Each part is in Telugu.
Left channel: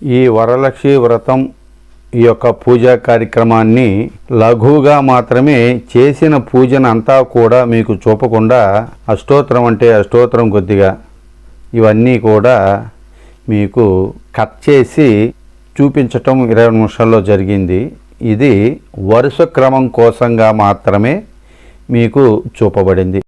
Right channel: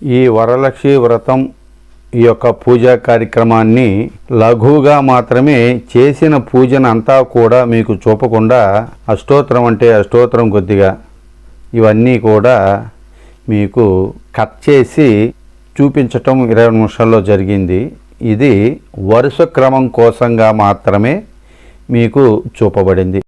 ఈ వరలక్ష్మి వ్రతం ఈ యొక్క పూజా కార్యక్రమాన్ని లఘువుగా మాత్రమే చేసిన పూజను అంతా కూడా మీకు చూపకుండా అష్టోత్తరం అంటే అష్టోత్తరం కొద్దిగా ఇవన్నీ కూడా మీకు కట్ చేసి చూపించటం 20 నిమిషాల్లో జరిగింది. ఇది వరుస క్రమం కోసంగా మాత్రమే మీకు చూపబడింది.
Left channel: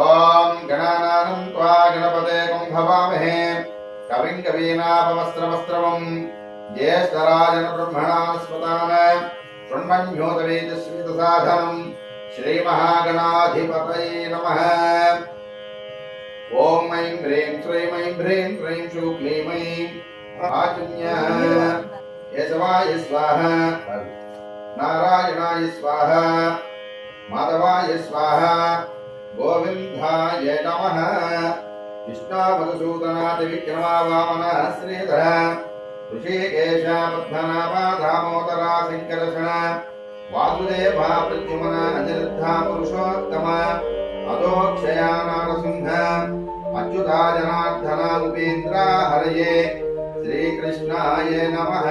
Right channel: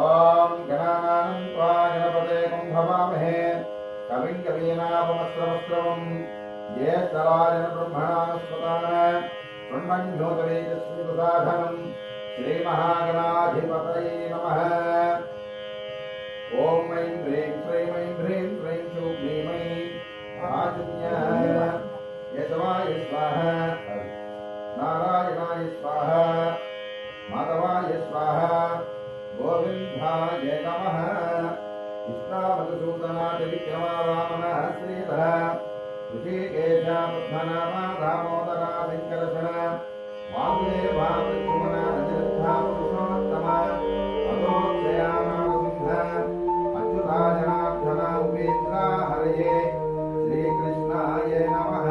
ఓం గణానాం త్వా గణపతేకం భవామహే కవిం కవీనాపమస్త్రవస్త్రవం జ్యేష్ఠరాజన బ్రహ్మణాస్పదాన బ్రహ్మణ్యోతవేదస్మితసాధనం శ్రీమహాగణాధిపతయే నమః. ఓం ఐం హ్రీం శ్రీం ఐం హ్రీం హ్రీం శుక్లీం ఐం ఆచున్య యశవాయ స్వాహ నారాయణాయ స్వాహ మాధవాయ స్వాహ గోవిందాయ నమః. విష్ణామధుసూదనాది విక్రమా వామన శ్రీధర ఋషికేశ పద్మనాభ దామోదర శంకరషణ వాసుదేవ ప్రద్యుమ్న అనిరుద్ధ పురుషోత్తమ అధోక్షయ నారసింహ అచ్యుత జనార్దన ఉపేంద్ర హరయే శ్రీకృష్ణాయ నమః.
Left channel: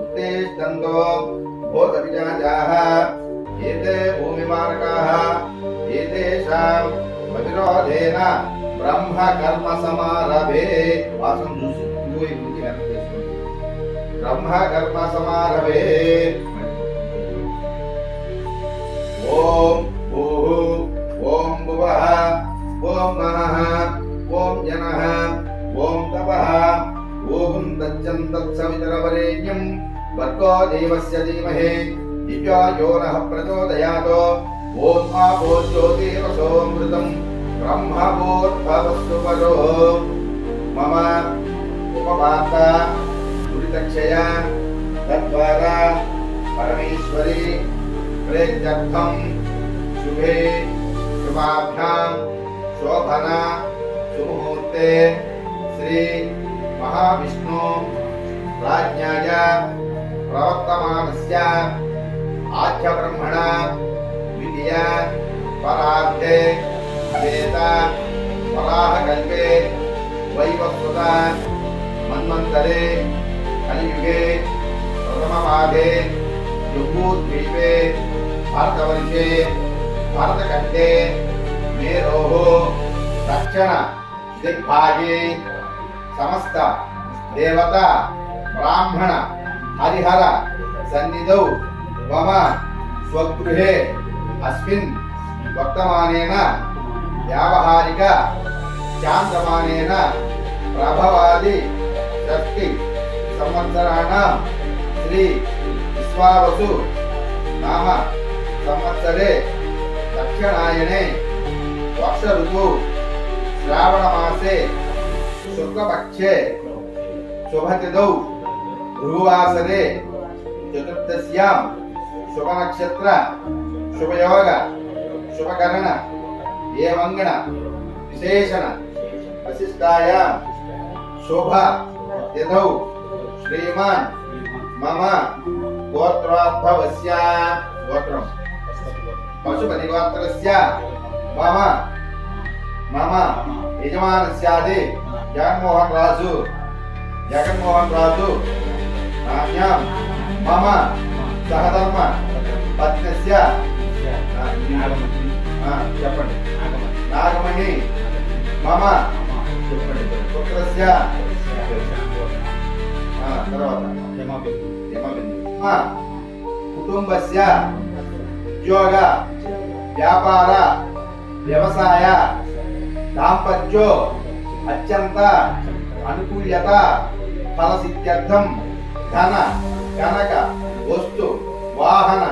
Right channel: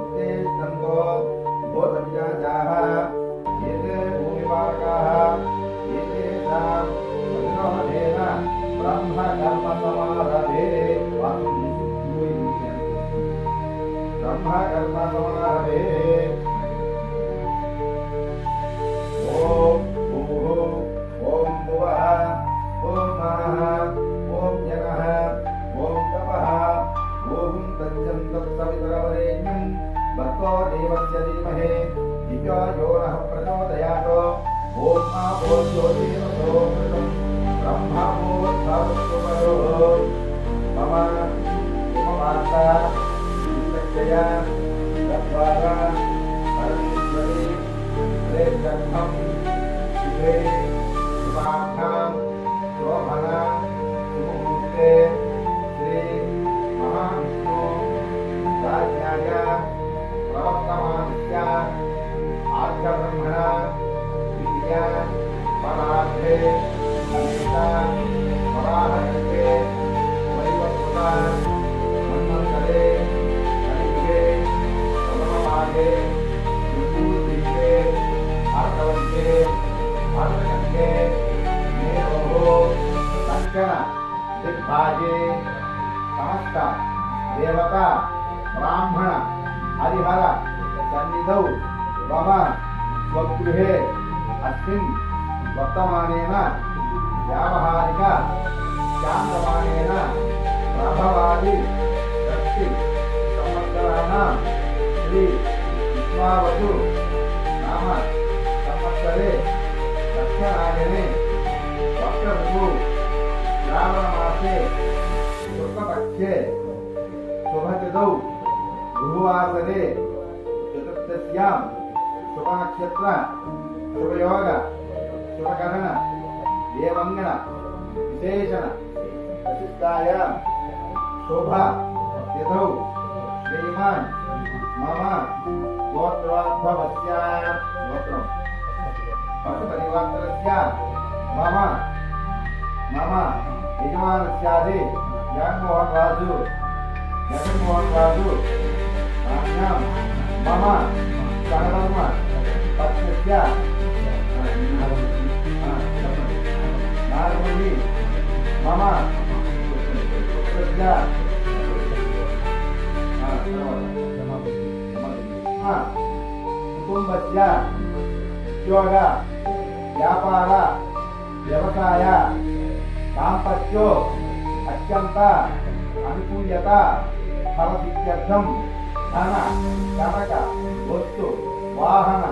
ఉత్తేష్టంతో భూత విజాజాః ఏతే భూమివారకాః ఏతేషాం ప్రతిరోధేన బ్రహ్మ కర్మ సమారభే వాసం చూసి బ్రహ్మ కర్మ సమారభే. ఓం భూః ఓం భువః ఓం మనః ఓం జనః ఓం తపః ఓం తచ్చం తత్సవితరవరేణ్యం భర్గో దేవస్య ధీమహి ధియో యో నః ప్రచోదయాత్. ఓం ఆపో జ్యోతిరసోమృతం బ్రహ్మభూర్భవస్సు పరో మమ ఉపవార్త దురితక్షయ తద్వారా పరమేశ్వరి ప్రేత్యర్థం శుభే శుభాభ్యాం శోభన సుముహూర్తే శ్రీ మహావిష్ణు రాజ్ఞాయ ప్రవర్తమానస్య ఆద్య బ్రహ్మణ ద్వితీయ పరార్థే వేద వరాహకల్పే వైవస్వత మన్వంతరే కలియుగే ప్రథమపాదే జంబూద్వీపే భారతవర్షే భారతఖండే మేరోః దక్షిణ దిగ్భాగే సమస్త దేవత బ్రాహ్మణ హరిహర సన్నిధౌ మమ స్వగృహే అస్మిన్ వర్తమానేన వ్యావహారిక చాంద్రమానేన ప్రభవాది షష్ఠి సంవత్సరాణం శ్రీ విశ్వావసు నామ సంవత్సరే దక్షిణాయనే వర్ష ఋతు శ్రావణ మాసే శుక్లపక్షే శుభతిథౌ గురువాసరే చతుర్దశ్యాం శుభనక్షత్ర శుభయోగ శుభకరణ ఏమంగణ విశేషణ వశిష్టాయాం శుభ తిథౌ శ్రీమాన్ మమ గోత్రార్థవస్య గోత్రం పశుపతి గోత్రస్య మమ యజమానస్యాది జగన్మోహన్ రాజు నామ్యాం మమ సహధర్మ పత్నస్య చెప్పండి నాగమణి మమ పుత్రస్య తర్వాత కుటుంబస్య ఉద్యోగ వ్యాపార వ్యవసాయ దాంపత్యో అత్యంత అనుకూల్యత ఫలసిద్ధ్యర్థం ధన కనక వస్తు వాహన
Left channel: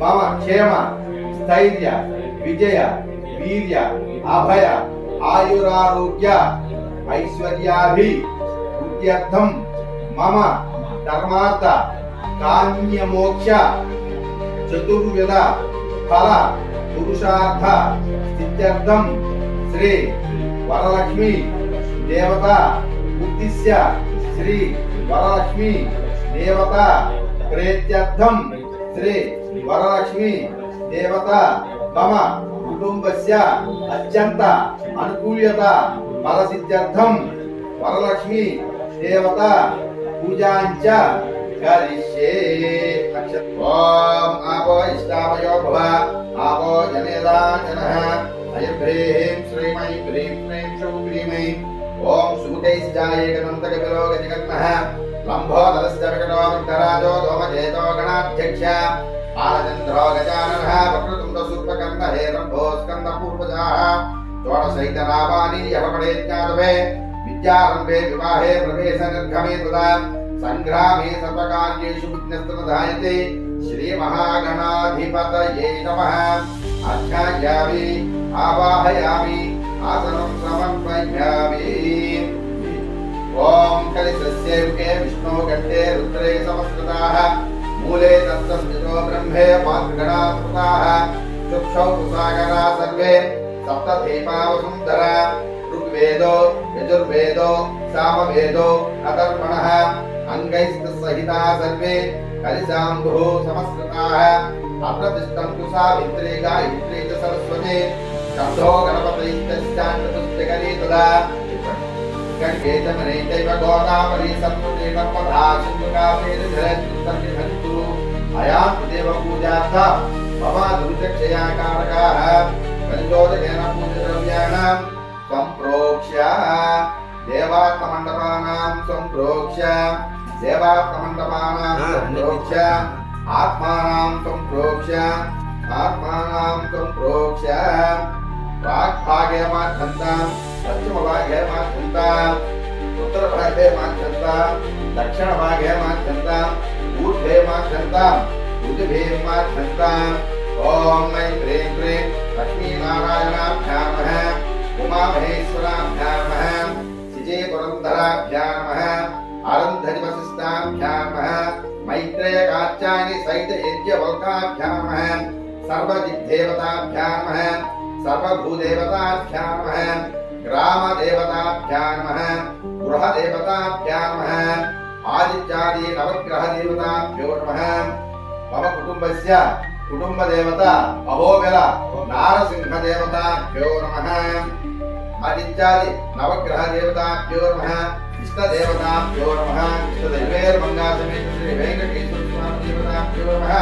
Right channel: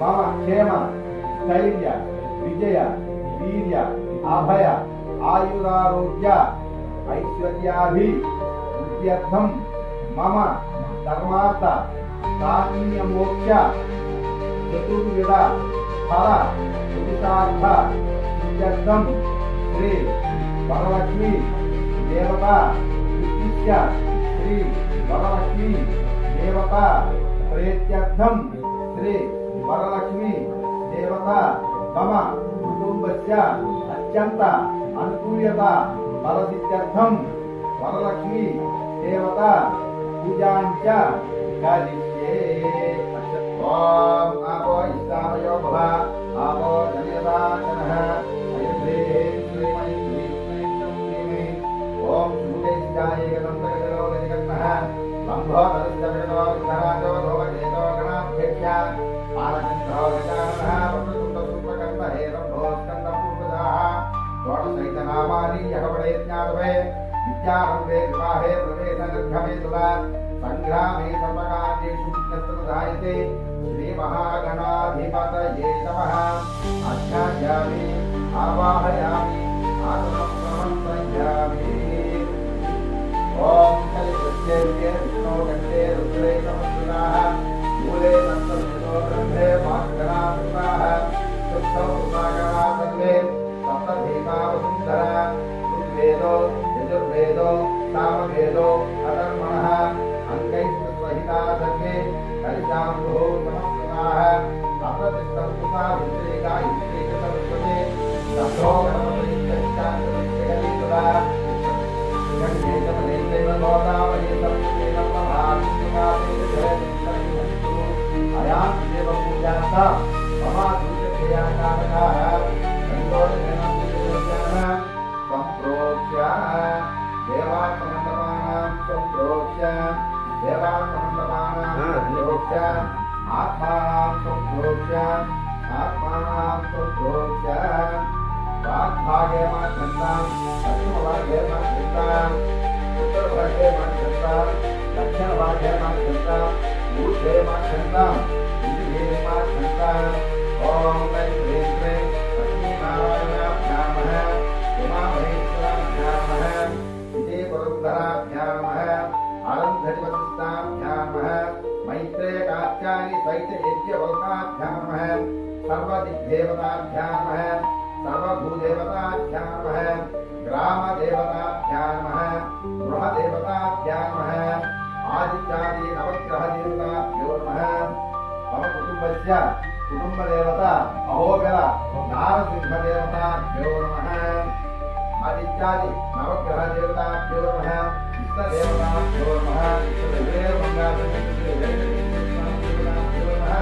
మమ క్షేమ స్థైర్య విజయ వీర్య అభయ ఆయురారోగ్య ఐశ్వర్యాభి వృద్ధ్యర్థం మమ ధర్మార్థ కామ్యమోక్ష చతుర్విధ ఫల పురుషార్థ సిద్ధ్యర్థం శ్రీ వరలక్ష్మి దేవత ఉద్దిశ్య శ్రీ వరలక్ష్మి దేవత ప్రేత్యర్థం శ్రీ వరలక్ష్మి దేవత మమ కుటుంబస్య అత్యంత అనుకూల్యత ఫలసిద్ధ్యర్థం వరలక్ష్మి దేవత పూజాంచ కరిష్యే. ఓం ఆపో ఇష్టామయో భవ ఆపో జనేదాచనః అయం హ్రీం శ్రీమై హ్రీం క్లీం శుం క్లీమై ఓం సుముఖైశ్చాయేకదంతకపిలో గజగన్మః లంబోదరస్య వికటో విఘ్నరాజో ధూమకేతో గణాధ్యక్ష ఆలచంద్రో గజాననః వక్రతుండ సూర్పకర్ణ హేరంభో స్కందపూర్వజాః షోడశైతనామాని యః పఠేజ్ఞాతవే విద్యారంభే వివాహే ప్రవేశ నిర్గమే తదా సంగ్రామే సర్వకార్యేషు విఘ్నస్తనధాయతే శ్రీ మహాగణాధిపతయే నమః. అధ్యాయామి ఆవాహయామి ఆసనం సమర్పయామి. ఓం కలిసస్య రుకే విష్ణో కంఠే రుద్రే సమస్కృతాః మూలే దత్తస్థితో బ్రహ్మే మాతృగణామృతాః చక్షౌ కృసాగరా సర్వే సప్తధీపా వసుంధరా ఋగ్వేదో యజుర్వేదో సామవేదో అధర్వణః అంగైస్తసహితా సర్వే కలిశాంభో సమస్కృతాః అత్ర తిష్టంతు సావిత్రీ గాయత్రీ చ సరస్వతి గంధో గణపతిశ్చాచతుష్టకరీ తదా గంగేతమనైతైవ గోదావరి సరస్వతి నర్మదా సింధు కావేరీ ధరిత్రిసన్నిధంతు అయాం దేవ పూజార్థ మమ దుర్జక్షయాకారకాః పరిశోధకేన పూజద్రవ్యాణాం సంప్రోక్ష్య దేవాత్మమండపానాం సంప్రోక్ష్య దేవాత్మమండపానాం సంప్రోక్ష్య ఆత్మానాం సంప్రోక్ష్య ఆత్మానాం సంప్రోక్ష్య వాగ్భాగే మాధ్యంతాం పశ్చిమభాగే మాధ్యంతాం ఉత్తరభాగే మాధ్యంతాం దక్షిణభాగే మాధ్యంతాం ఊర్ధ్వే మాధ్యంతాం ఋతుభే మాధ్యంతాం. ఓం ఐం హ్రీం క్లీం లక్ష్మీనారాయణాభ్యాం నమః ఉమామహేశ్వరాభ్యాం నమః శిజే పురంధరాభ్యాం నమః ఆరంధరి వశిష్టాభ్యాం నమః మైత్రేయ కాత్యాయని సహిత యజ్ఞవల్కాభ్యాం నమః సర్వదిగ్దేవతాభ్యాం నమః సర్వభూదేవతాభ్యాం నమః గ్రామదేవతాభ్యాం నమః గృహదేవతాభ్యాం నమః ఆదిత్యాది నవగ్రహదేవతాభ్యో నమః. మమ కుటుంబస్య కుటుంబదేవత అహోబిల నారసింహదేవతాభ్యో నమః. ఆదిత్యాది నవగ్రహదేవతాభ్యో నమః. ఇష్టదేవతాభ్యో నమః. ఇష్టదైవేర్మంగాసమేత శ్రీ వెంకటేశ్వర స్వామి దేవతాభ్యో నమః.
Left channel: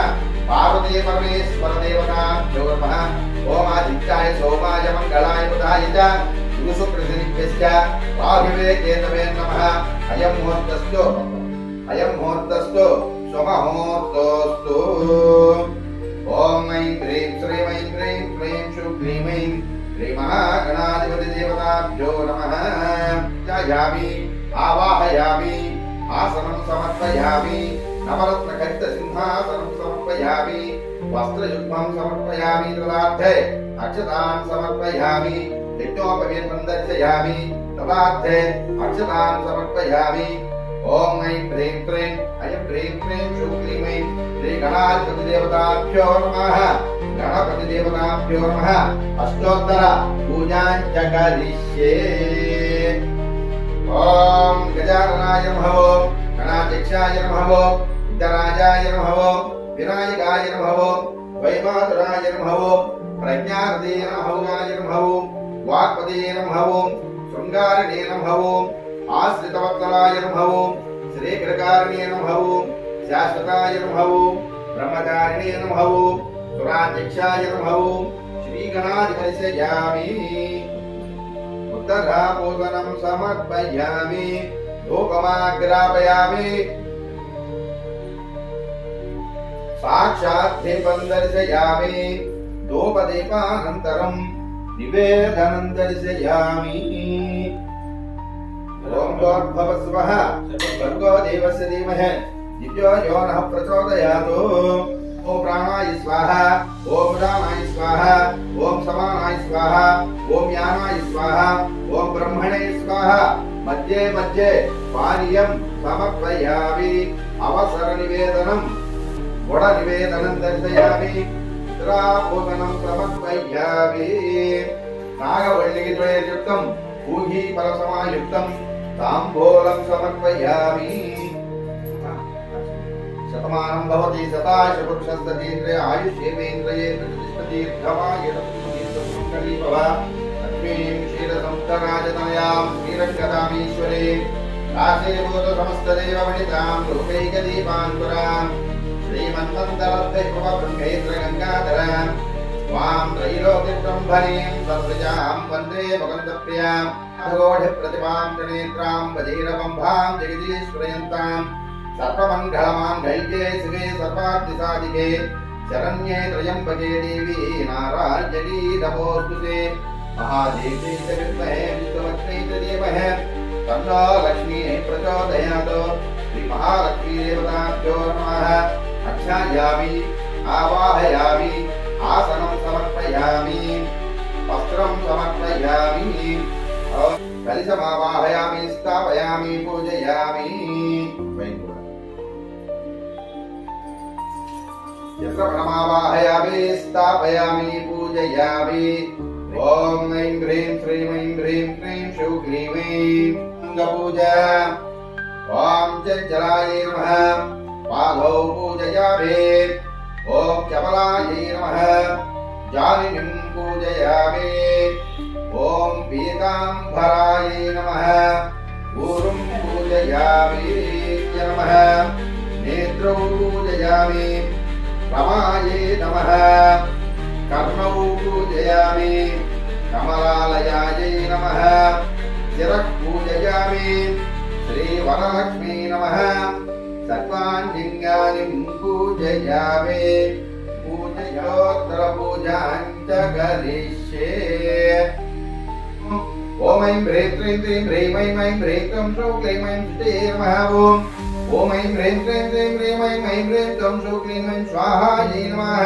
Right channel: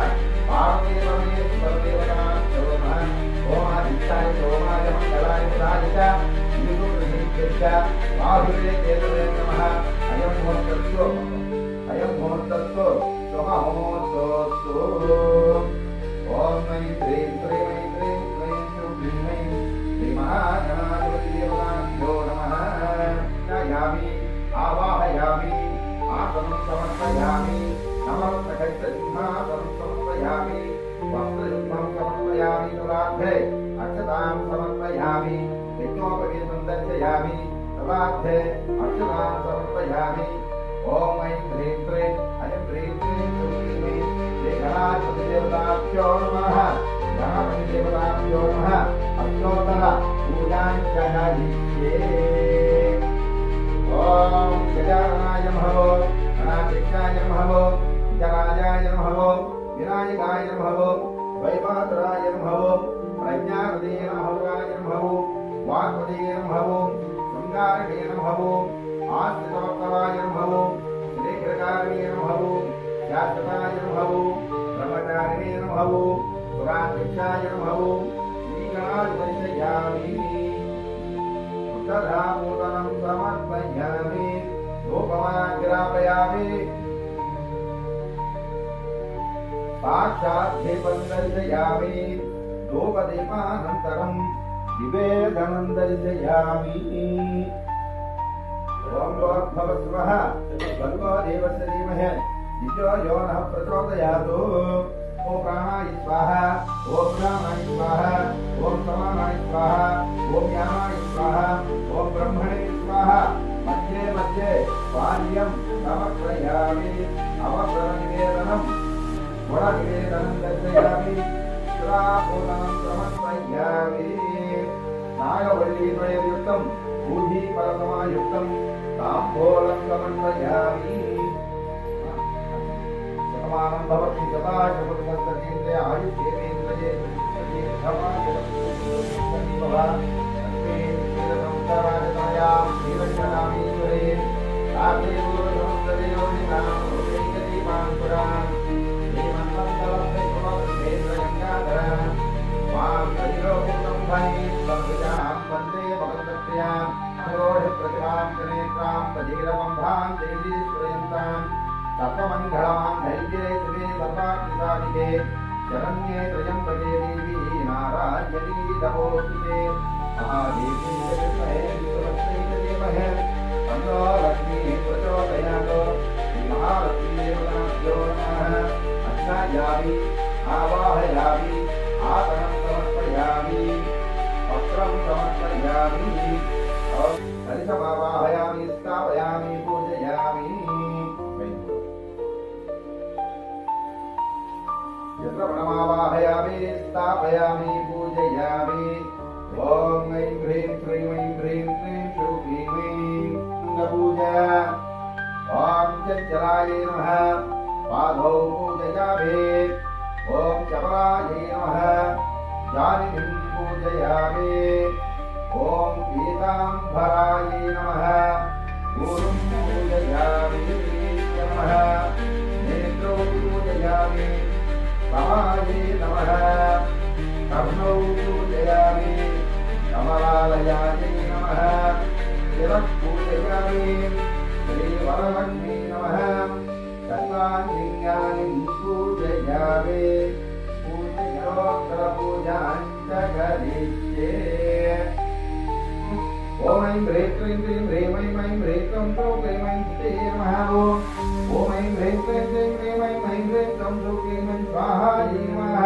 పార్వతీ పరమేశ్వర దేవతాభ్యో నమః. ఓం ఆదిత్యాయ సోమాయ మంగళాయ బుధాయ చ గురుశుక్రశనిభ్యశ్చ రాహువే కేతవే నమః. అయం ముహూర్తస్తు శుభముహూర్తోస్తు. ఓం ఐం హ్రీం శ్రీం హ్రీం క్లీం శుం క్లీం ఐం శ్రీ మహాగణాధిపతి దేవతాభ్యో నమః. ధ్యాయామి ఆవాహయామి ఆసనం సమర్పయామి నవరత్న ఖచ్చిత సింహాసనం సమర్పయామి వస్త్రయుగ్మం సమర్పయామి తదార్థే అక్షతాన్ సమర్పయామి యజ్ఞోపవీతం దర్శయామి తదార్థే అక్షతాన్ సమర్పయామి. ఓం ఐం హ్రీం క్లీం అయం హ్రీం క్లీం శుం క్లీం ఐం శ్రీ గణాధిపతి దేవతాభ్యో నమః. గణపతి దేవతాభ్యో నమః. అష్టోత్తర పూజాంచ కరిష్యే. ఓం గజాననాయ నమః. గణాధ్యక్షాయ నమః. విఘ్నరాజాయ నమః. వినాయకాయ నమః. వైమాతురాయ నమః. ప్రజ్ఞానదే నమః. నమః. వాగ్పదే నమః. శృంగారిణే నమః. ఆశ్రితవత్సలాయ నమః. శ్రీకరకారిణే నమః. శాశ్వతాయ నమః. బ్రహ్మచారిణే నమః. సురాధ్యక్షాయ నమః. శ్రీగణాధిపతియామి. ఉత్తరాభూషణం సమర్పయామి. ధూపమాగ్రాపయామి. సాక్షాత్ దీపం దర్శయామి. ధూపదీపానంతరం నివేదనం దర్శయామి. ఓం భోర్భవస్వః భర్గో దేవస్య ధీమహి దివ్యో యో నః ప్రచోదయాతు. ఓం ప్రాణాయ స్వాహ. ఓం ఉదానాయ స్వాహ. ఓం సమానాయ స్వాహ. ఓం యానాయ స్వాహ. ఓం బ్రహ్మణే స్వాహ. మధ్యే మధ్యే పానీయం సమర్పయామి. అవసర నివేదనం గుడ నివేదనం దర్శయామి. ఉత్తరాభూషణం సమర్పయామి. నాగవల్లికి ద్వయయుక్తం ఊహీ పరసమాయుక్తం ताम्बूलं समर्पयामि। शतमानं भवति शतायुः पुरुषस्ततीन्द्रिय आयुष्येवेन्द्रिये प्रतिष्ठतीर्थमायतपुष्पमङ्गली भव। लक्ष्मीं क्षीरसमुद्रराजतनयां श्रीरङ्गदामीश्वरीं काशीभूतसमस्तदेवमणितां लोकैकदीपाङ्कुरां श्रीमन्मन्दरद्वैभवब्रह्मेन्द्रगङ्गाधरां त्वां त्रैलोक्यसम्भरीं सर्वजां वन्दे भगवन्तप्रियां खगोढप्रतिभां त्रिनेत्रां वजीरबम्भां जगदीश्वरयन्तां सर्वमङ्गलमाङ्गल्ये शिवे सर्वार्थिसाधिके शरण्ये त्र्यम्बके देवी नारायणी नमोऽस्तुते। महादेवी च विद्महे विष्णुपत्नी च धीमहि तन्नो लक्ष्मीः प्रचोदयात्। श्रीमहालक्ष्मीदेवताभ्यो नमः। अध्यायामि आवाहयामि आसनं समर्पयामि वस्त्रं समर्पयामि कलशमावाहयामि स्थापयामि पूजयामि। चक्रपणमावाहयामि स्थापयामि पूजयामि। ॐ ऐं ह्रीं श्रीं ऐं ह्रीं क्लीं शूं क्लीं ऐं पूजा। ॐ चञ्चलायै नमः पादौ पूजयामि। ॐ चपलायै नमः जानिनीं पूजयामि। ॐ पीताम्बरायै नमः ऊरुं पूजयामि नमः नेत्रौ पूजयामि। रमायै नमः कर्णौ पूजयामि। कमलालयायै नमः शिरः पूजयामि। श्रीवरलक्ष्मी नमः सर्वाङ्गानि पूजयामि। पूजयोत्तरपूजां च करिष्ये। ॐ ऐं ह्रीं क्लीं क्लीं ह्रीं ऐं ऐं ह्रीं क्लीं श्रीं क्लीं ऐं सुते नमः। ॐ ऐं ह्रीं क्लीं क्लीं ह्रीं ऐं ऐं ह्रीं क्लीं श्रीं क्लीं ऐं स्वाहायै नमः।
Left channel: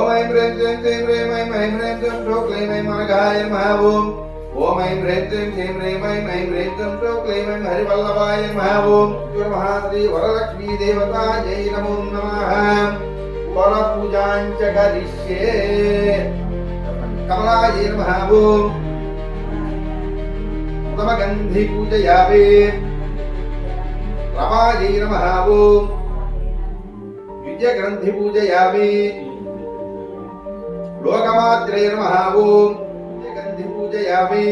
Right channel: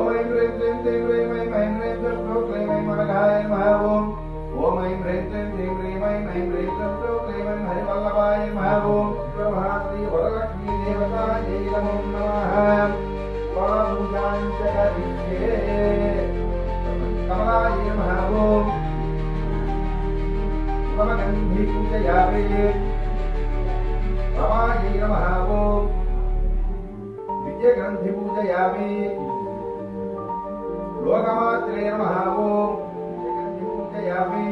ॐ ऐं ह्रीं क्लीं क्लीं ह्रीं ऐं ऐं ह्रीं क्लीं श्रीं क्लीं ऐं अनघाय नमः। ॐ ऐं ह्रीं क्लीं क्लीं ह्रीं ऐं ऐं ह्रीं क्लीं क्लीं ऐं हरिवल्लभाय नमः। महाश्री वरलक्ष्मी देवतायै नमो नमः। वरपूजां च करिष्ये। कमलायै नमः। उत्तमगन्धि पूजयामि। रमायै नमः। विजयग्रन्थि पूजयामि। लोकमात्रे नमः। विजयग्रन्थि पूजयामि।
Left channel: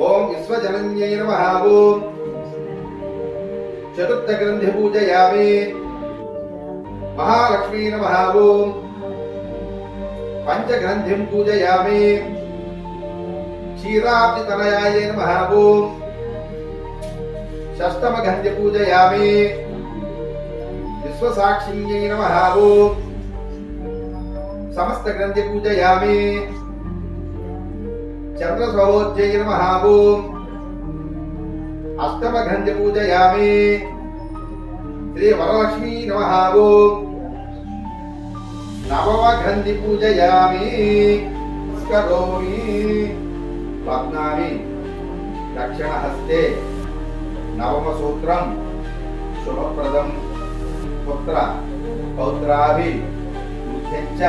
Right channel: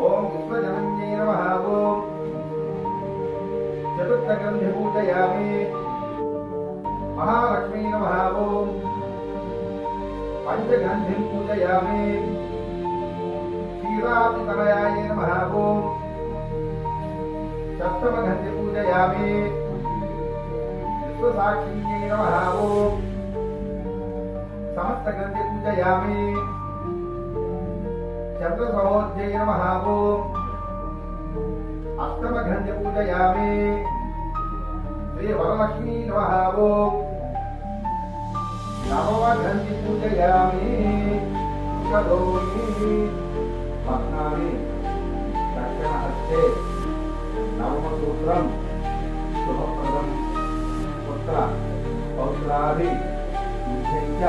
ॐ विश्वजनन्यै नमः। चतुर्थग्रन्थि पूजयामि। महालक्ष्मी नमः। पंचग्रन्थिं पूजयामि। क्षीराब्धितनयायै नमः। षष्ठमगन्धि पूजयामि। विश्वसाक्षिण्यै नमः। समस्तग्रन्थि पूजयामि। चन्द्रसहोज्यै नमः। अष्टमगन्धि पूजयामि। श्रीवरलक्ष्मी नमः। नवमग्रन्थि पूजयामि। करोमि पद्मामि दक्षिणहस्ते नवमसूत्रं शुभप्रदं पुत्र पौत्राभिवृद्धिं च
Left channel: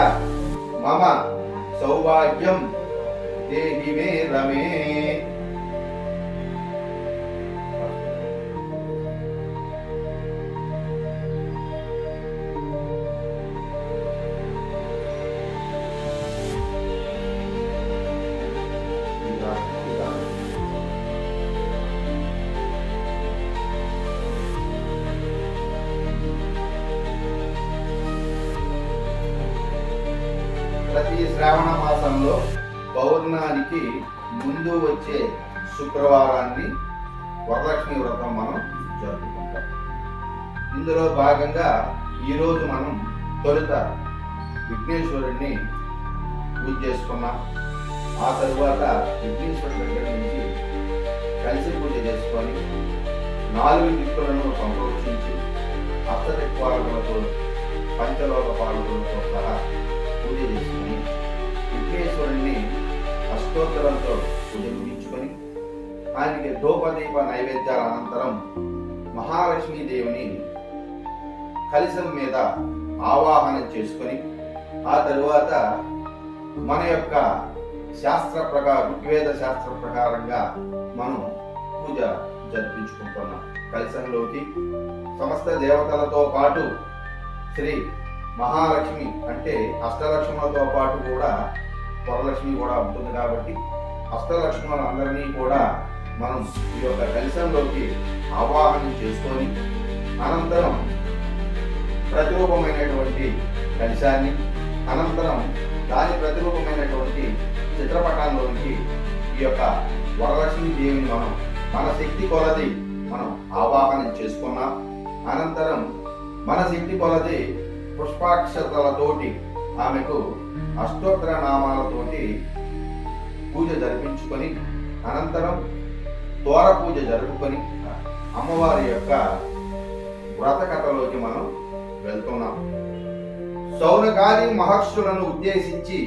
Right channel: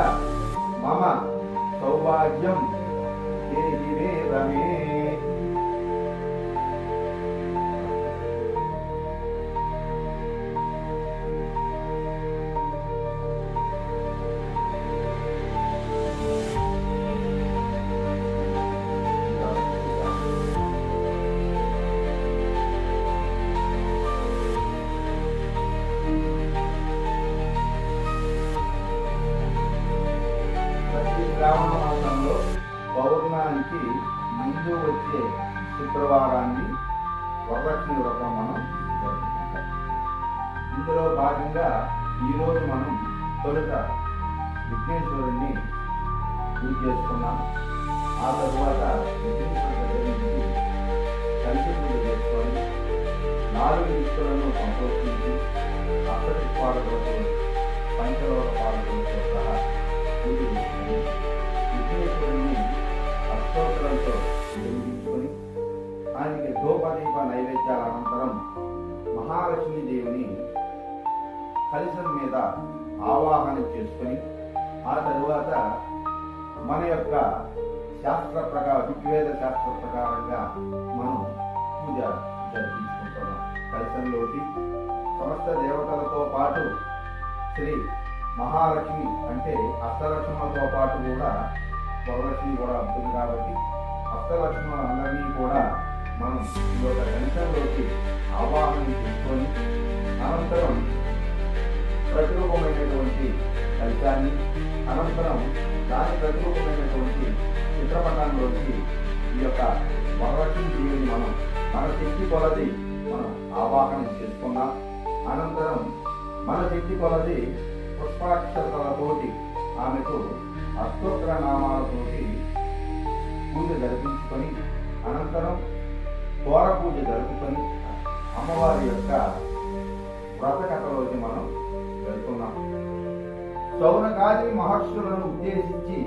मम सौभाग्यं देहि मे रमे। ప్రతి శ్రావణ మాసంలో పౌర్ణానికి ముందు వచ్చే శుక్రవారాన్ని వరలక్ష్మి వ్రతం మనం జరుపుకుంటాం. ఇందులో భాగంగా ఈరోజు మనం తొలుత విఘ్నేశ్వరుడిని పూజ చేసుకున్నాం. ఆ తరువాత విఘ్నేశ్వరుడి దగ్గర నుంచి కలిసి పూజ చేసుకొని 4 దిక్కులను సంప్రోక్షించి అష్టదిక్పాలకులతో పంచలోక పాలకులతో సహా పూజ చేసుకొని విఘ్నేశ్వరుణ్ణి అష్టోత్తరంతో పూజ ముగించుకొని ఆయనకి ధూపదీప నైవేద్యాల అనంతరం మహాలక్ష్మీదేవిని కలశం మీద ఆవాహనం చేసుకొని ఆ తరువాత మన యొక్క శాస్త్ర ప్రకారం ఋగ్వేద శాస్త్ర ప్రకారంగా మనం పూజ జరిపించుకుంటున్నాం. కలశంలోకి సమస్త దేవతలతో పాటు శ్రీ మహాలక్ష్మి అంటే అష్టలక్ష్ములతో పాటు కూడా వరలక్ష్మి కూడా ఉంటుంది కాబట్టి అష్టలక్ష్ములందరినీ కూడా మనం ఈ యొక్క కలశంలోకి ఆవాహనం చేసుకొని అనంతరం ప్రతిరూపమైనటువంటి కలశాన్ని అనంతరం దాని ప్రతిరూపమైనటువంటి చిత్రపటాల్లోకి ఈ యొక్క వరలక్ష్మి దేవిని మనం మన శక్తి కొలది మనం ఆవాహనం చేసుకున్నాం. అనంతరం మన శక్తి కొలది పుష్పాక్షతలతోటి ఆమెకు అష్టోత్తర నామాలతోటి పూజ జరిపించుకొని అనంతరం తోర పూజ జరుపుకొని అమ్మవారి యొక్క వ్రత కథలోకి మనం వెళ్తున్నాం. శౌనకాది మహర్షులను ఉద్దేశించి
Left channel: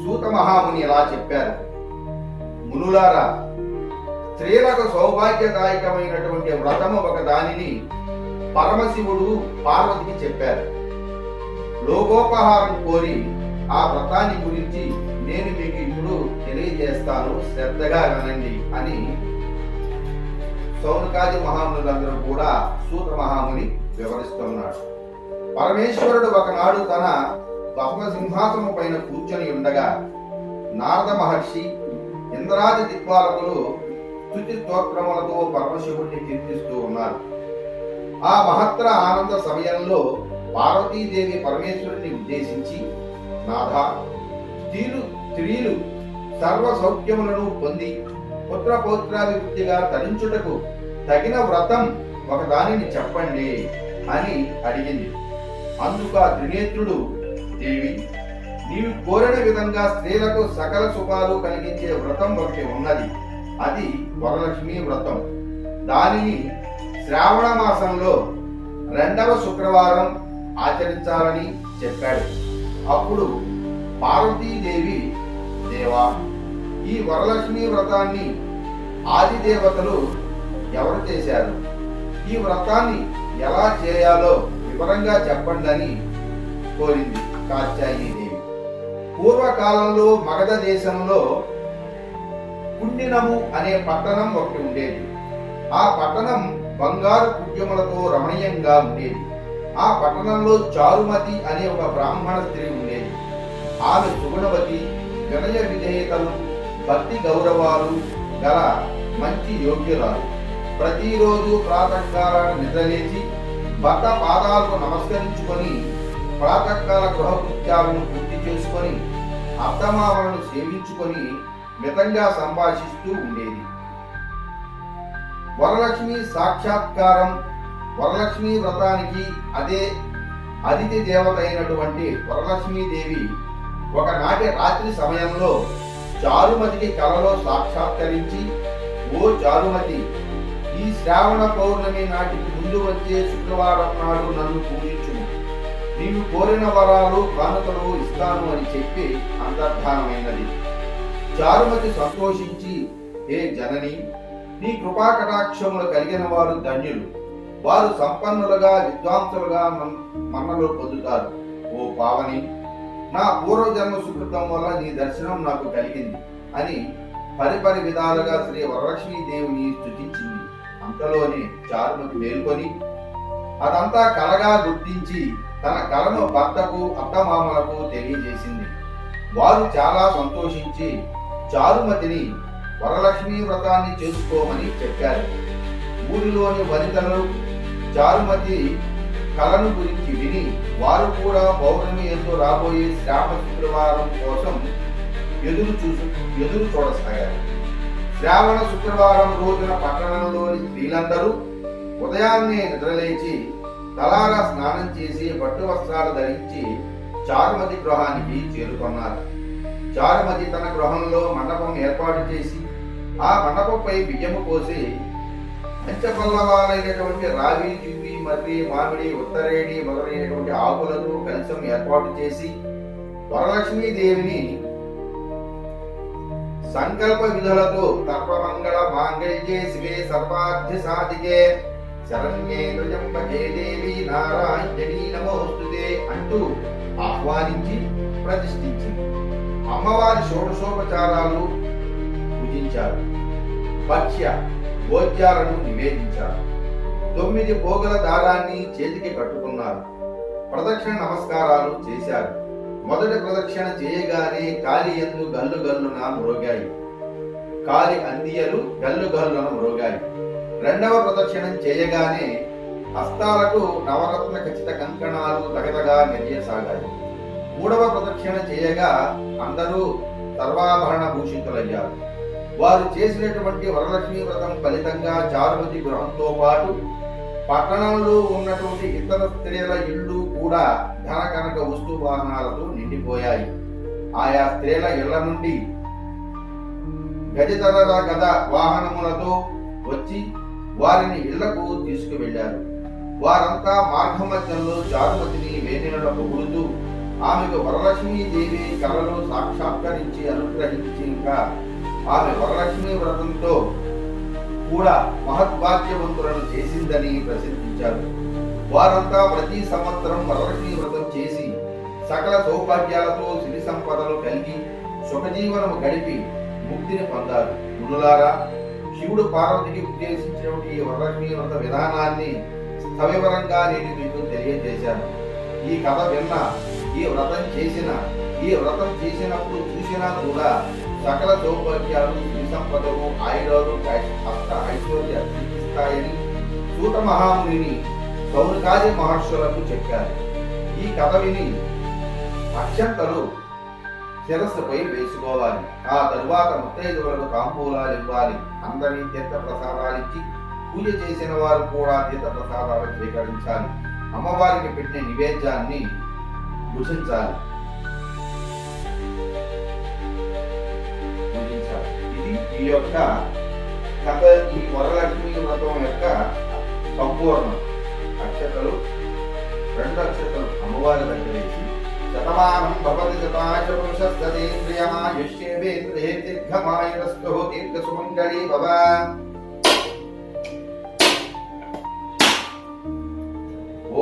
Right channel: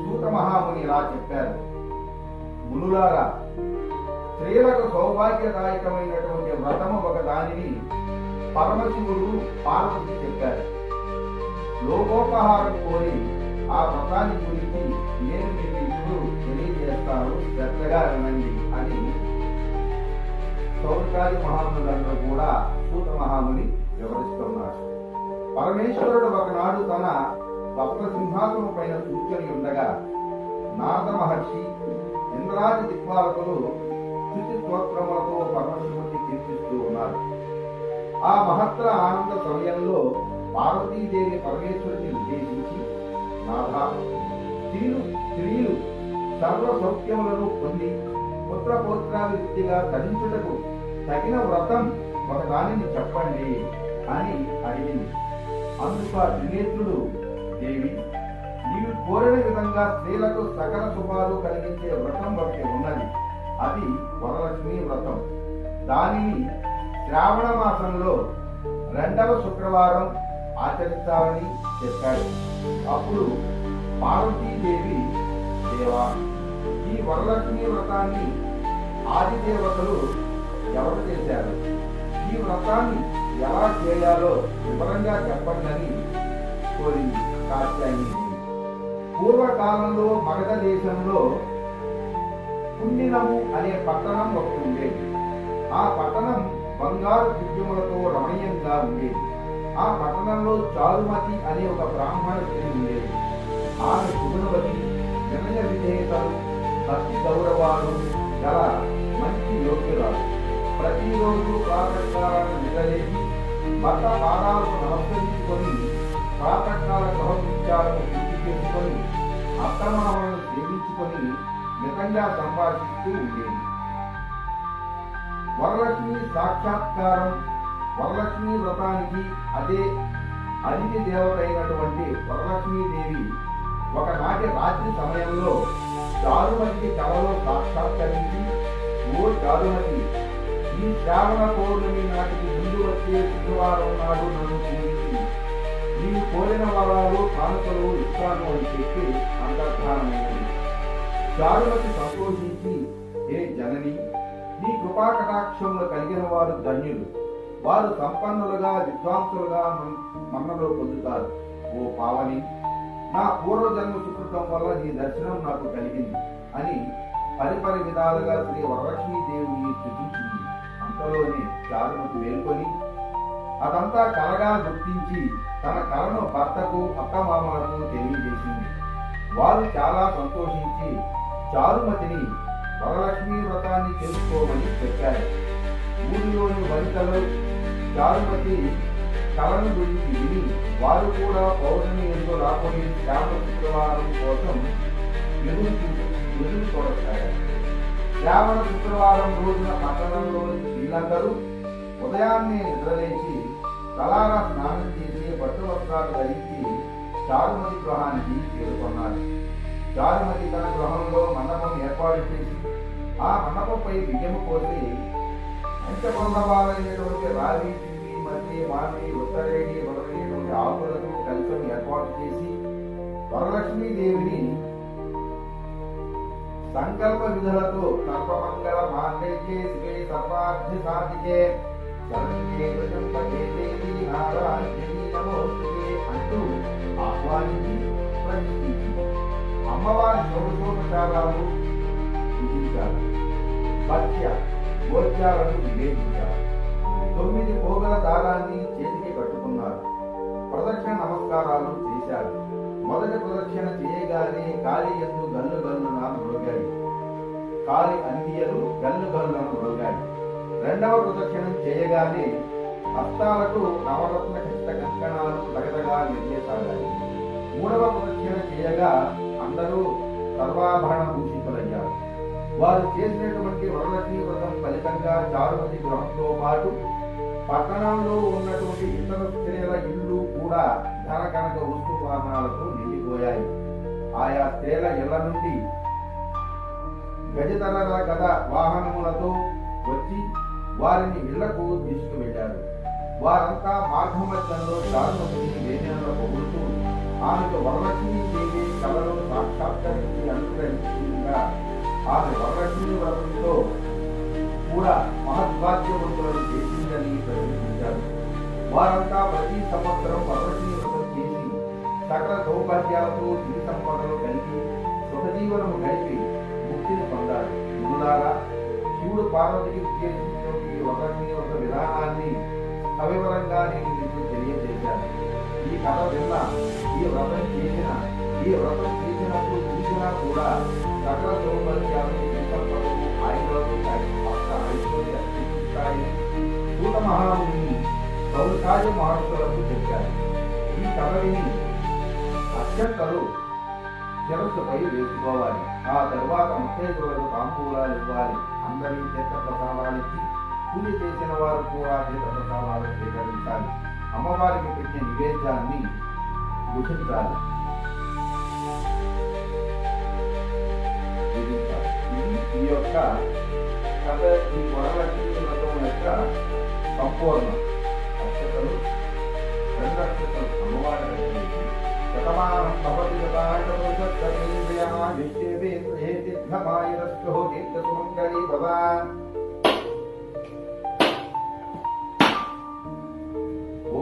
సూత మహాముని ఇలా చెప్పారు: మునులారా, స్త్రీలకు సౌభాగ్యదాయకమైనటువంటి వ్రతము ఒక దానిని పరమశివుడు పార్వతికి చెప్పారు. లోకోపహారం కోరి ఆ వ్రతాన్ని గురించి నేను మీకు ఇప్పుడు తెలియజేస్తాను, శ్రద్ధగా వినండి అని శౌనకాది మహామునులందరూ కూడా సూత మహాముని వివరిస్తున్నాడు. పరమేశ్వరుడు ఒకనాడు తన పద్మసింహాసనం పైన కూర్చొని ఉండగా నారద మహర్షి ఇంద్రాది దిక్పాలకులు స్తుతి స్తోత్రములతో పరమశివుడిని కీర్తిస్తూ ఉన్నారు. ఆ మహత్తర ఆనంద సమయంలో పార్వతీదేవి పరమేశ్వరుని ఉద్దేశించి, నాథ, స్త్రీలు సర్వ సౌఖ్యములను పొంది పుత్ర పౌత్రాభివృద్ధిగా తరించుటకు తగిన వ్రతం ఒక దానిని చెప్పండి అని అడిగింది. అందుకు ఆ త్రినేత్రుడు, దేవి, నీవు కోరిన విధంగా స్త్రీలకు సకల శుభాలు కలిగించే వ్రతం ఒకటి ఉన్నది. అది వరలక్ష్మి వ్రతం. దానిని శ్రావణ మాసంలో 2వ శుక్రవారం ఆచరించాలని చెప్పాడు. అప్పుడు పార్వతీదేవి, దేవా, ఈ వరలక్ష్మి వ్రతాన్ని ఆది దేవతలు ఎవరు చేశారు? ఈ వ్రతాన్ని ఎలా చేయాలో వివరంగా చెప్పండి అని కోరింది కాత్యాయనీదేవి. పూర్వకాలంలో మగధ దేశంలో కుండినము అనే పట్టణం ఒకటి ఉండేది. ఆ పట్టణం బంగారు కుడ్యములతో రమణీయంగా ఉండేది. ఆ పట్టణంలో చారుమతి అనే ఒక బ్రాహ్మణ స్త్రీ ఉండేది. ఆమె సుగుణవతి, వినయ విధేయతలు, భక్తి గౌరవాలు గల మంచి యోగ్యురాలు. ప్రతిరోజు ప్రాతకాలాన నిద్రలేచి భర్త పాదాలకు నమస్కరించుకొని ప్రాతకాల గృహకృత్యాలను పూర్తి చేసుకొని అత్తమామలను సేవించుకొని మితంగా సంభాషిస్తూ ఉండేది. వరలక్ష్మి సాక్షాత్కారం వరలక్ష్మి వ్రతానికి అదే అతిథి దేవత అయినటువంటి వరలక్ష్మీదేవి ఒకనాటి రాత్రి సమయంలో చారుమతికి కలలో సాక్షాత్కరించి, ఓ చారుమతి, ఈ శ్రావణ పౌర్ణమి నాటికి ముందు వచ్చే శుక్రవారం నాడు నన్ను పూజించుము. నీవు కోరిన వరాలు కానుకలు ఇస్తాను అని చెప్పి అంతర్ధానమైనది. చారుమతి సంతోషించి, హే జనని, నీ కృపా కటాక్షములు కలిగిన వారు ధన్యులు. వారు సంపన్నులుగా విద్వాంసులుగా మన్నలు పొందుతారు. ఓ పావని, నా పూర్వజన్మ సుకృతం వల్ల నీ దర్శనం నాకు కలిగింది అని పరిపరి విధాలుగా శ్రీ వరలక్ష్మీదేవిని స్తుతించింది. అంతలోనే చారుమతి మేల్కొని అదంతా కలగా గుర్తించి తన కలను భర్తకు అత్తమామలకు తెలియజేసింది. వారు చాలా సంతోషించి చారుమతిని వరలక్ష్మీ వ్రతాన్ని చేసుకోమని చెప్పారు. ఊరిలోని వనితలు చారుమతి కలను గురించి విని వారు కూడా పౌర్ణమి ఎందు రాబోయే శ్రావణ శుక్రవారం కోసం ఎదురు చూడసాగారు. శ్రావణ శుక్రవారం రోజున పట్టణంలోని స్త్రీలందరూ ఉదయాన్నే నిద్రలేచి తలారా స్నానం చేసి పట్టు వస్త్రాలు ధరించి చారుమతి గృహానికి చేరుకున్నారు. చారుమతి తన గృహంలో మండపం ఏర్పాటు చేసి ఆ మండపంపై బియ్యము పోసి పంచపల్లవాలైనటువంటి రావి, జివ్వి, మర్రి, మామిడి, ఉత్తరేణి మొదలైనటువంటి ఆకులతో కలశం ఏర్పాటు చేసి వరలక్ష్మీదేవిని సంకల్ప విధులతో సర్వమంగళ మాంగళ్యే శివే సర్వార్థ సాధికే శరణ్యే త్రయంబకే దేవి నారాయణీ నమోస్తుతే అంటూ ఆహ్వానించి ప్రతిష్ఠించింది. అమ్మవారి షోడశోపచారాలు పూజించారు. భక్ష్య భోజ్యాలను నివేదించారు. 9 పోగల దారాన్ని చేతికి కట్టుకున్నారు. ప్రదక్షిణ నమస్కారాలు చేశారు. మొదటి ప్రదక్షిణ చేయగానే కాలి యందు గల్లు గల్లున మ్రోగాయి. కాలి అందియలు గల్లు గల్లున మ్రోగాయి. రెండవ ప్రదక్షిణం చేయగానే హస్తాలకు నవరత్న ఖచ్చిత కంకణాలు తగదగా మెరియసాగాయి. మూడవ ప్రదక్షిణ చేయగా అందరూ సర్వాభరణ భూషితులయ్యారు. వారు చేసినటువంటి వరలక్ష్మీ వ్రతం ఫలితంగా చారుమతి గృహంతో పాటు పట్టణంలో ఉన్నటువంటి ఇతర స్త్రీల ఇళ్ళు కూడా ధన కనక వస్తు వాహనాలతో నిండిపోయాయి. ఆయా స్త్రీల ఇళ్ల నుండి గజతర గద వాహనములతో వచ్చి వారిని ఇళ్లకు తీసుకువెళ్లారు. వారంతా మార్గమధ్యంలో చారుమతిని వేణుల పొగుడుతూ ఆమెకు వరలక్ష్మీదేవి కలలో సాక్షాత్కరించి అనుగ్రహించింగా ఆమె వరలక్ష్మీ వ్రతంతో కూడా మహద్భాగ్యవంతులను చేసిందని ప్రశంసించారు. వారంతా ప్రతి సంవత్సరం వరలక్ష్మీ వ్రతం చేసి సకల సౌభాగ్యాలతో సిరి సంపదలు కలిగి సుఖజీవనము గడిపి ముక్తిని పొందారు. మునులారా, శివుడు పార్వతికి ఉద్దేశించినటువంటి ఈ వరలక్ష్మీ వ్రత విధానాన్ని సవివరంగా నేను మీకు తెలియజేశాను. ఈ కథ విన్నా, ఈ వ్రతం చేసినప్పుడు చూసినా కూడా సకల సౌభాగ్యాలు శ్రీ సంపదలు ఆయురాలు అష్ట ఐశ్వర్య సిద్ధిస్తాయని సూత మహామునిని సౌనకాది మహర్షులకు చెప్పారు. ఈ కథ విని అక్షంతలు శిరస్సుపై వేసుకోవాలి. ఆ తరువాత ముత్తైదువులకు తాంబూలాలు ఇవ్వాలి. అందరినీ తీర్థ ప్రసాదాలిచ్చి పూజ చేసిన వారు కూడా తీర్థ ప్రసాదాలు స్వీకరించాలి. అమ్మవారికి పెట్టిన నివేద్యాన్ని భుజించాలి. ఇది ఈ యొక్క కథ, ఈ వరలక్ష్మి వ్రతం యొక్క సంపూర్ణం. అక్షతలు 2 అక్షతలు అమ్మవారి దగ్గర వేసి శతమానం భవతి శతాశ పురుషస్తేంద్రియమాయుష్యేంద్రియే దీర్ఘమాయురస్తు దీర్ఘసుమంగళీ భవ.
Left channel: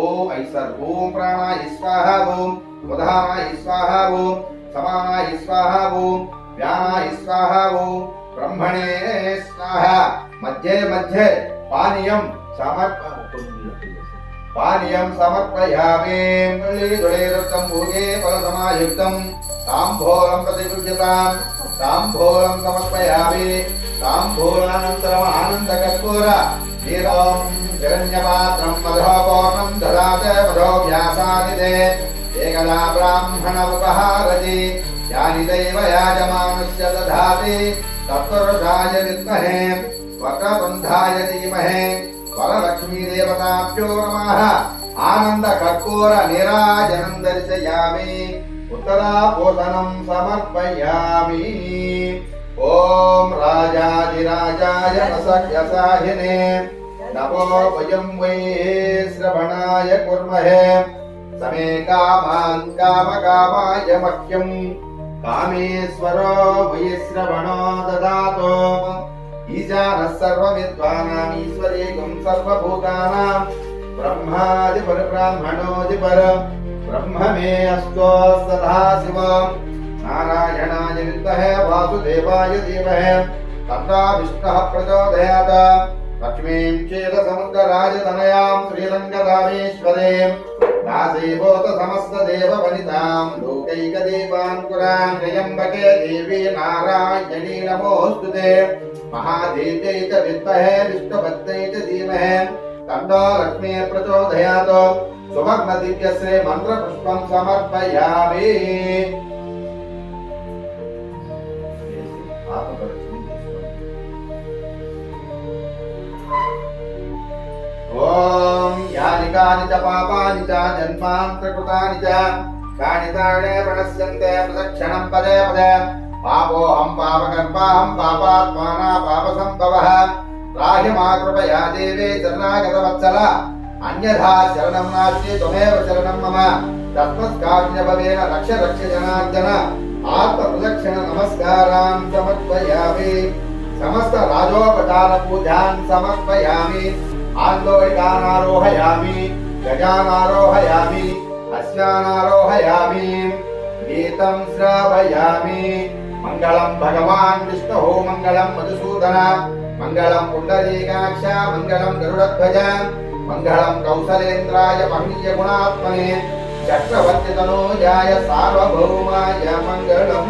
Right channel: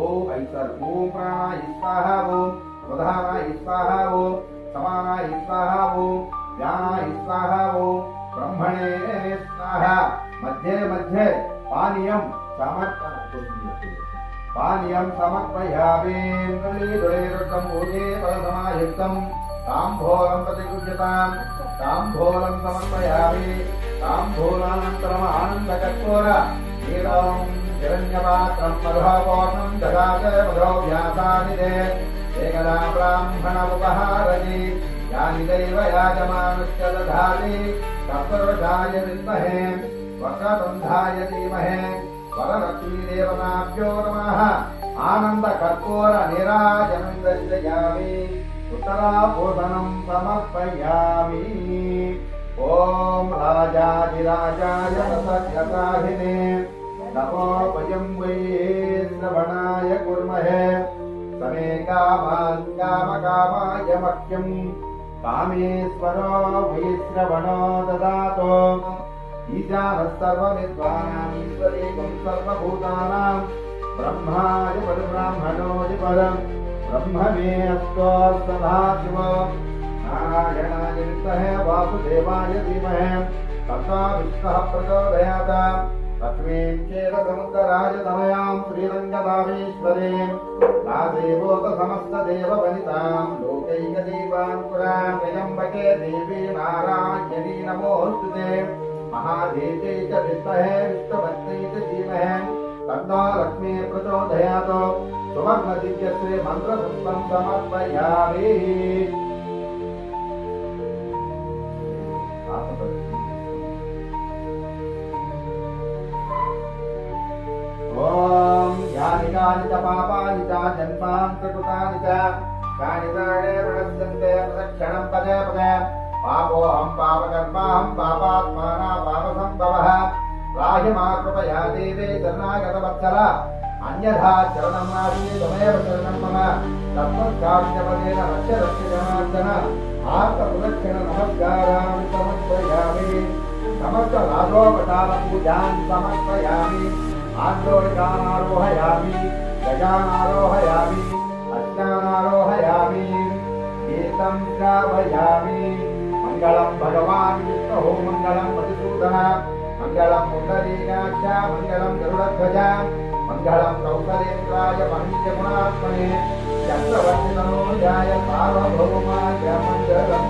ఓం ఐసర్ ఓం ప్రాణాయ స్వాహ ఓం ఉదానాయ స్వాహ ఓం సమానాయ స్వాహ ఓం వ్యానాయ స్వాహ ఓం బ్రహ్మణే స్వాహ. మధ్యే మధ్యే పానీయం సమర్పయామి. దుళీదుళీరుద్ధం భోగే ఫలసమాయుక్తం తాంబూలం ప్రతిగృహ్యతాం. తాంబూలం సమర్పయామి. తాంబూలానంతరం ఆనందకర్పూర నీరం హిరణ్యపాత్రం మధోపూర్ణం దదాతే మధోభ్యాసానిదే. ఏకదా బ్రాహ్మణ ఉపహారతి యాని దైవ యాజమానస్య దధాతి తత్పురుషాయ విద్మహే వక్రతుండాయ ధీమహే వరలక్ష్మీ దేవతాభ్యో నమః. ఆనంద కర్పూర నీరాజనం దర్శయామి. ఉత్తరాపోషణం సమర్పయామి. ఓం రాజాధిరాజాయ ప్రసఖ్యసాహినే నమో వయం వై శ్రవణాయ కుర్మహే. సమే కామాన్ కామకామాయ మహ్యం కామేశ్వరో వై శ్రవణో దదాతు. ఈశానః సర్వవిద్వానాం ఈశ్వరేకం సర్వభూతానాం బ్రహ్మాదిపరబ్రాహ్మణోదిపర బ్రహ్మ మే అస్తో సదాశివ. నారాయణాయ విద్మహే వాసుదేవాయ ధీమహి తన్నో విష్ణుః ప్రచోదయాత్. లక్ష్మీం క్షీరసముద్రరాజ తనయాం శ్రీరంగధామేశ్వరీం దాసేవోత సమస్త దేవ వనితాం లోకైక దేవాంకురాం. త్రయంబకే దేవీ నారాయణీ నమోస్తుతే. మహాదేవ్యై చ విద్మహే విష్ణుపత్న్యై చ ధీమహి తన్నో లక్ష్మీ ప్రచోదయాత్. సువర్ణ దివ్యశ్రీ మంత్ర పుష్పం సమర్పయామి. ఓం యాని కాని చ పాపాని చ జన్మాంతకృతాని చ కాని తాడే ప్రణశ్యంతే ప్రదక్షిణం పదే పదే. పాపోహం పాపకర్మాహం పాపాత్మానా పాపసంభవః. రాహి మా కృపయా దేవే శరణాగతవత్సల. అన్యథా శరణం నాస్తి త్వమేవ శరణం మమ. తస్మత్కార్యభవేన రక్ష రక్ష జనార్దన. ఆత్మ ప్రదక్షిణ నమస్కారాన్ సమర్పయామి. సమస్త రాజోపచార పూజాన్ సమర్పయామి. ఆందోళికానారోహయామి. గజానారోహయామి. అశ్వానారోహయామి. గీతం శ్రావయామి. మంగళం భగవాన్ విష్ణు మంగళం మధుసూదన మంగళం పుండరీకాక్ష మంగళం గరుడధ్వజ మంగళం కౌసలేంద్రాయ మహనీయ గుణాత్మనే చక్రవర్తి తనోజాయ సార్వభౌమాయ మంగళం.